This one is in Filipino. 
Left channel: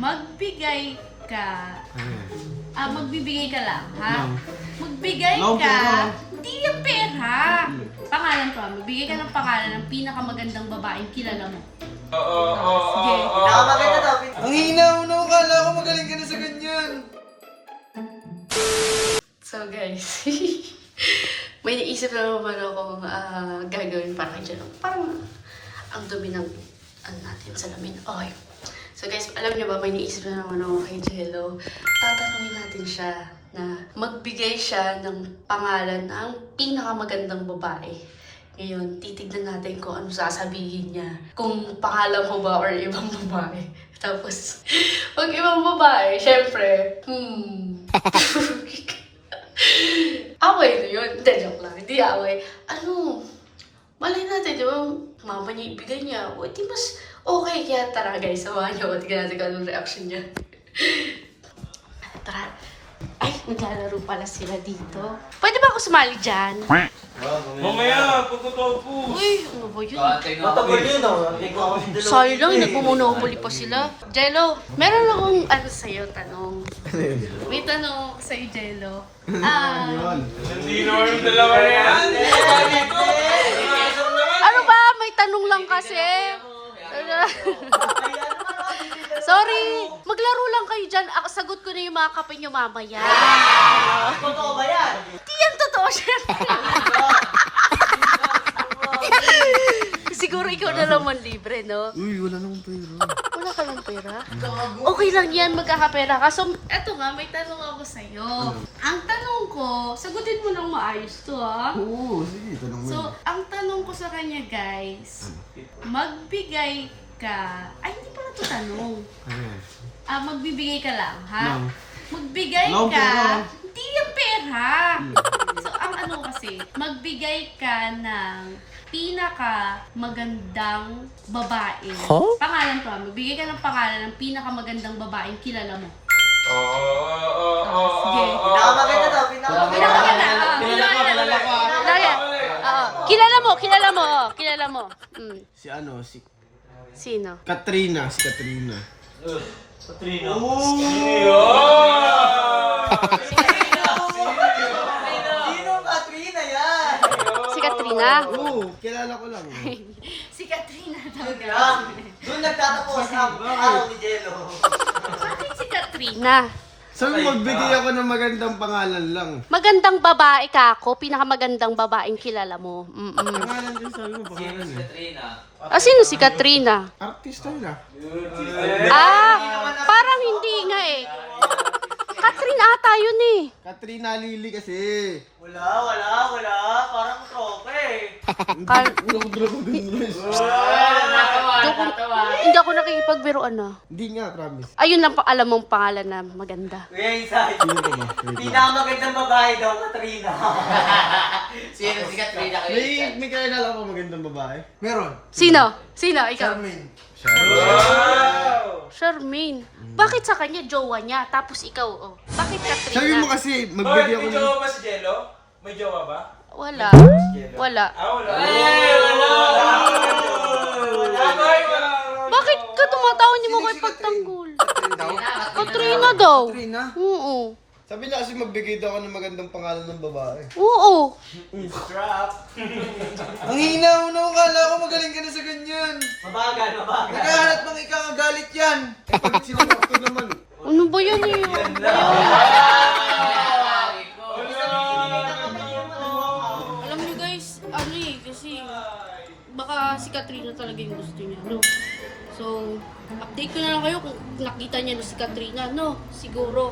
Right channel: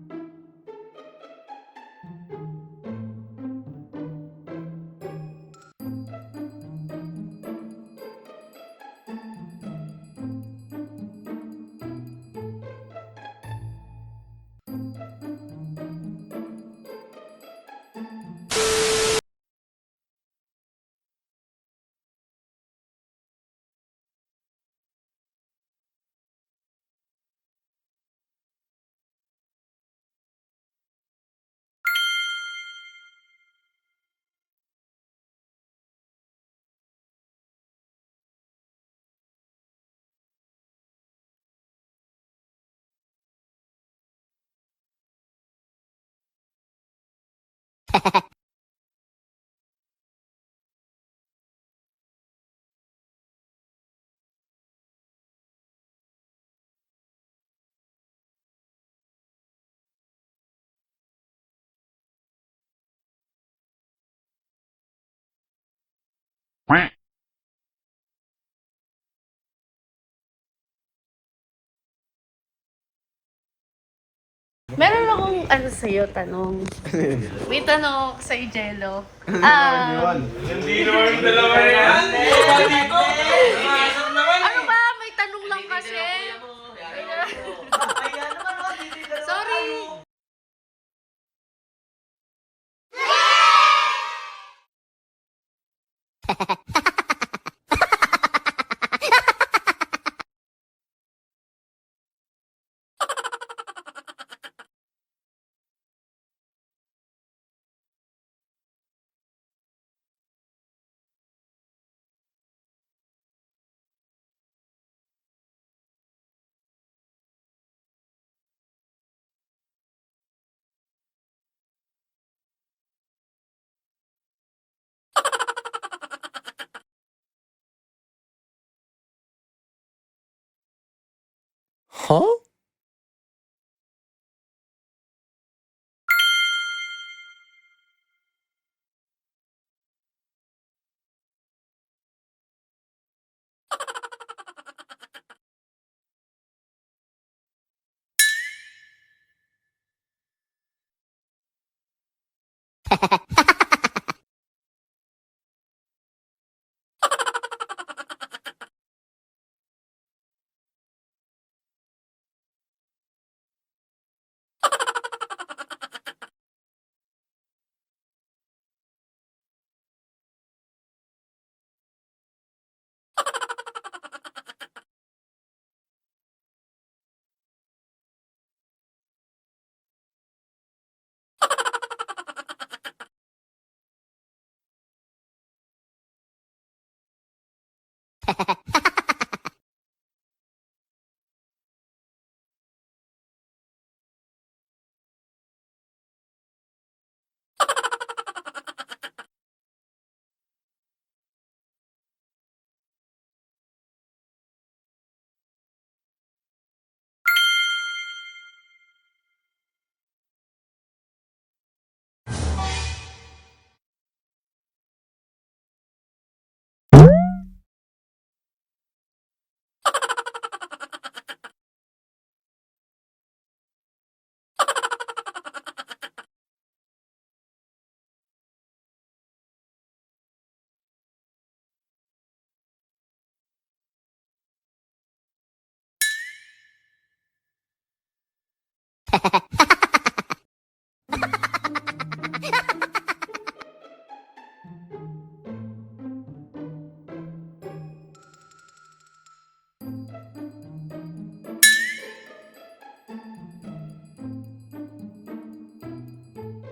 magbigay ka. Magbibigay ka lang, ha? Magbigay Long ka. pera. Hindi yung pera. Pangalan ko, magbigay ka ng pangalan ng pinakamagandang babaeng kilala mo. Sige. Nakamaganda daw. Ang hina mo na, akala ko magaling ka na sa ganyan. So guys, may naisip na naman akong gagawin para kay Jello. Parang ang dumi ng natin salamin. Okay. So guys, alam niyo ba, may naisip na naman ako kay Jello. Tatanungin natin siya na magbigay siya ng pangalan ng pinakamagandang babae. Ngayon, titignan natin kung ano sasabihin niya. Kung pangalan mo ba or ibang babae. Tapos, pag ibang babae, syempre, away na yun. Hindi, joke lang. Hindi away. Ano, malay natin, di ba, mama niya ibigay niya. O, di mas okay. Kaya tara guys, samahan niyo. Tignan natin kung anong reaction niya. Tara. Ay, naglalaro pala sila dito. Pwede ba ako sumali dyan? Mamaya, pagkatapos. Uy, ano ba yun? Matagal yun, no? Sayo lang, nagmumonopoly pa sila. Jello, meron akong ano sa'yo, tanong. May tanong ako sa'yo, Jello. Hindi naman yung dalawa na yan. Ano ba? May tanong lang kasi. Sorry, maglaro lang kayo dyan. Ako, sagot ko na yung mga kape nyo mamaya. Totoo ba yan? Hindi yan totoo, syempre. Siguro ikaw na lang man libre, no? Uy, wala namang pera. Wala ka lang pera? Okay lang yan, magkakapera ka. So, eto nga, may tanong ako sa'yo. Ang tanong ko, sagutin mo nang maayos to, ha? Oo, sige, tanong mo. So, ang tanong ko sa kanya, guys, magbigay ka... Ay, hindi pala to tanong. Magbibigay ka lang, ha? Lang. Magbigay Lang ka... pera. Hindi yung pera. So, ang ano kasi, magbigay ka ng pinakamagandang babae. Pangalan ko, magbigay ka ng pangalan ng pinakamagandang babaeng kilala mo. Sige. Nakamaganda daw. Pinakamaganda. Kilala mo, kilala mo. Kilala mo. Si ano, si Sino? Katrina. Si Katrina. Katrina. Sino Katrina yan? Si Katrina? Oo, kilala ko lang. Si Katrina daw. Doon nagtatapos ang araw ni Jello. Bakit si Katrina? Sabi magbigay ako ng magandang pangalan lang. Magandang babae ka ako, pinakamagandang babaeng kilala mo. Pangalan din sabi mo, pangalan eh. Sino si Katrina? Artista yun ah. Parang hindi nga eh. Katrina ata yun eh. Katrina Lili kasi. Wala. Parang trope eh. Hindi ako nakikipagbiruan na. Hindi nga, promise. Ayun lang pa alam mong pangalan na maganda. Kuya Isay. Sino ka ba? Pinakamagandang babae daw, Katrina. Sino si Katrina kayo? May kakilala ko magandang babae? Meron. Sino? Sino? Ikaw? Charmaine. Charmaine. Bakit sa kanya jowa niya, tapos ikaw, oh. Bakit Katrina? Sabi mo kasi, Bakit magbigay ako may ng... jowa ba si Jello? May jowa ba? Wala. Wala. Wala. Bakit ka tumatawa niyo mo kay pagtanggol? Katrina daw. Katrina? Oo. Sabi niya kasi magbigay daw ako ng magandang pangalan ng babae. Oo. Ang hina mo na, akala ko magaling ka na sa ganyan. Mabagal. Naghahanap ng ikakagalit yan. Kapag sinagot ko naman. Ano ba yan eh? Alam niyo guys, ano eh, kasi baka si Katrina talaga yung gusto niya, no? So, update ko na lang kayo kung nakita niya na si Katrina, no? Siguro.